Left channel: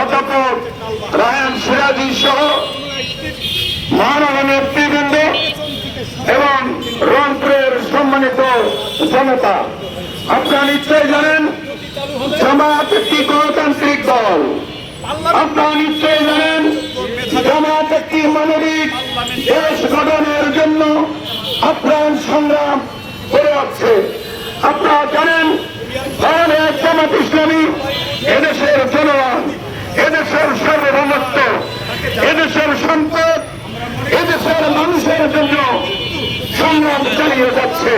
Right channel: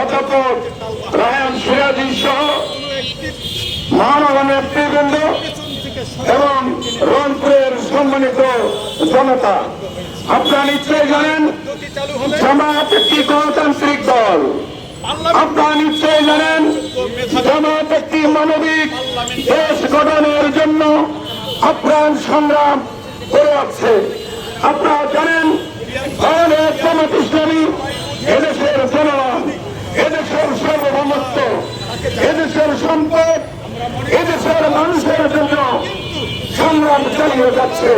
অধ্যাপক রায়ান নেতৃবৃন্দ এবং রংপুরের সম্মানিত জনতা, আপনারা নিশ্চয়ই জানেন জামাত একটি গণতান্ত্রিক দল। আপনারা নিশ্চয়ই জানেন জামাত একটি মানবিক দেশ গঠনের জন্য আপ্রাণ সংগ্রাম করে যাচ্ছে। আপনারা জানেন জামাত ইসলামী এদেশের জনগণ, এদেশের সার্বভৌমত্ব, এদেশের সম্পদ, এদেশের মানুষের জন্য সংগ্রাম চালিয়ে যাচ্ছে।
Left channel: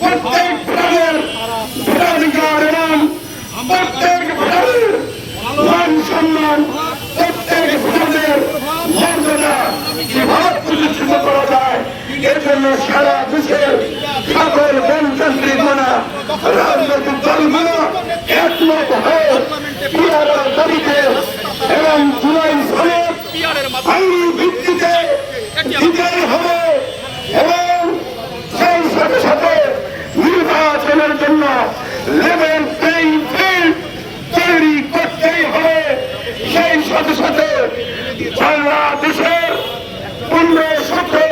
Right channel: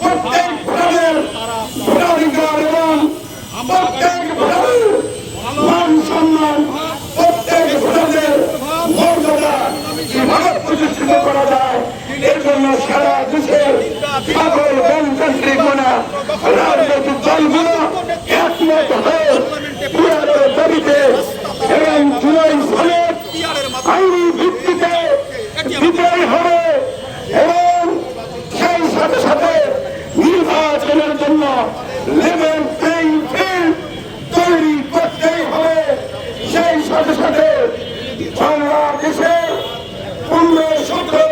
প্রত্যেক এবং প্রত্যেক মান প্রত্যেক মর্যাদা কীভাবে প্রতিষ্ঠিত করা যায় এর জন্য সারা দেশের সকল গণতান্ত্রিক মানা রাজনৈতিক দলগুলো একমত হয়ে এবং জুলাই সনদ আইন ভিত্তিতে বিজয় হবে এবং সেই সাথে সাথে নির্বাচনের জন্য লেভেল প্লেইং ফিল্ড তৈরি করতেই হবে। সেই সাথে সাথে বাংলাদেশের পনেরো সতেরো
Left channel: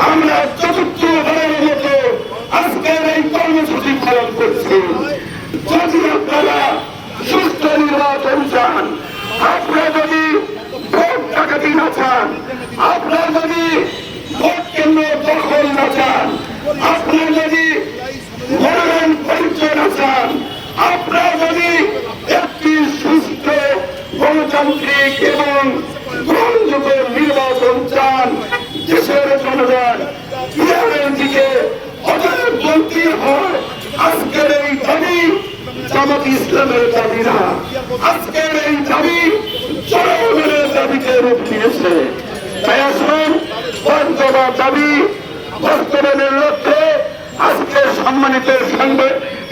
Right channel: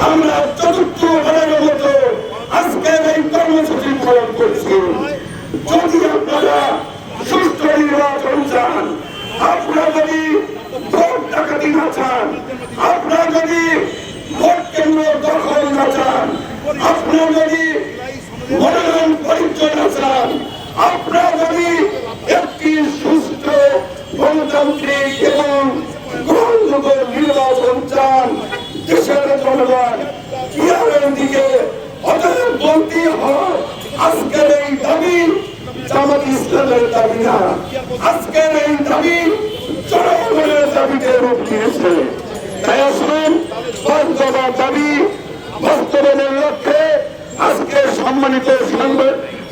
আমরা চতুর্থ বারের মতো আজকের এই কর্মসূচি পালন করছি। যদি আপনারা সুস্থ নির্বাচন চান আপনারা যদি ভোট ডাকাতি না চান, আপনারা যদি জামাত ইসলামের দাবি না আজকের এই দাবি জনগণের দাবিতে রূপ নিয়েছে তাই আসুন পাঁচ দফা দাবি বাস্তবায়নের লক্ষ্যে আজকে সম্মানিত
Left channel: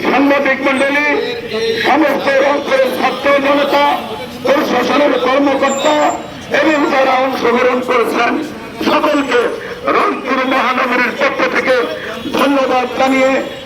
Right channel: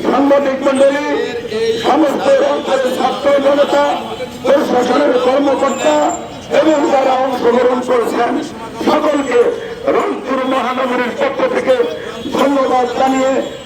সাংবাদিক মন্ডলী সমস্ত অঞ্চলের ছাত্র জনতা, প্রশাসনের কর্মকর্তা এবং যারা অংশগ্রহণ করেছেন, সকলকে রংপুর মহানগরীর পক্ষ থেকে ধন্যবাদ জানিয়ে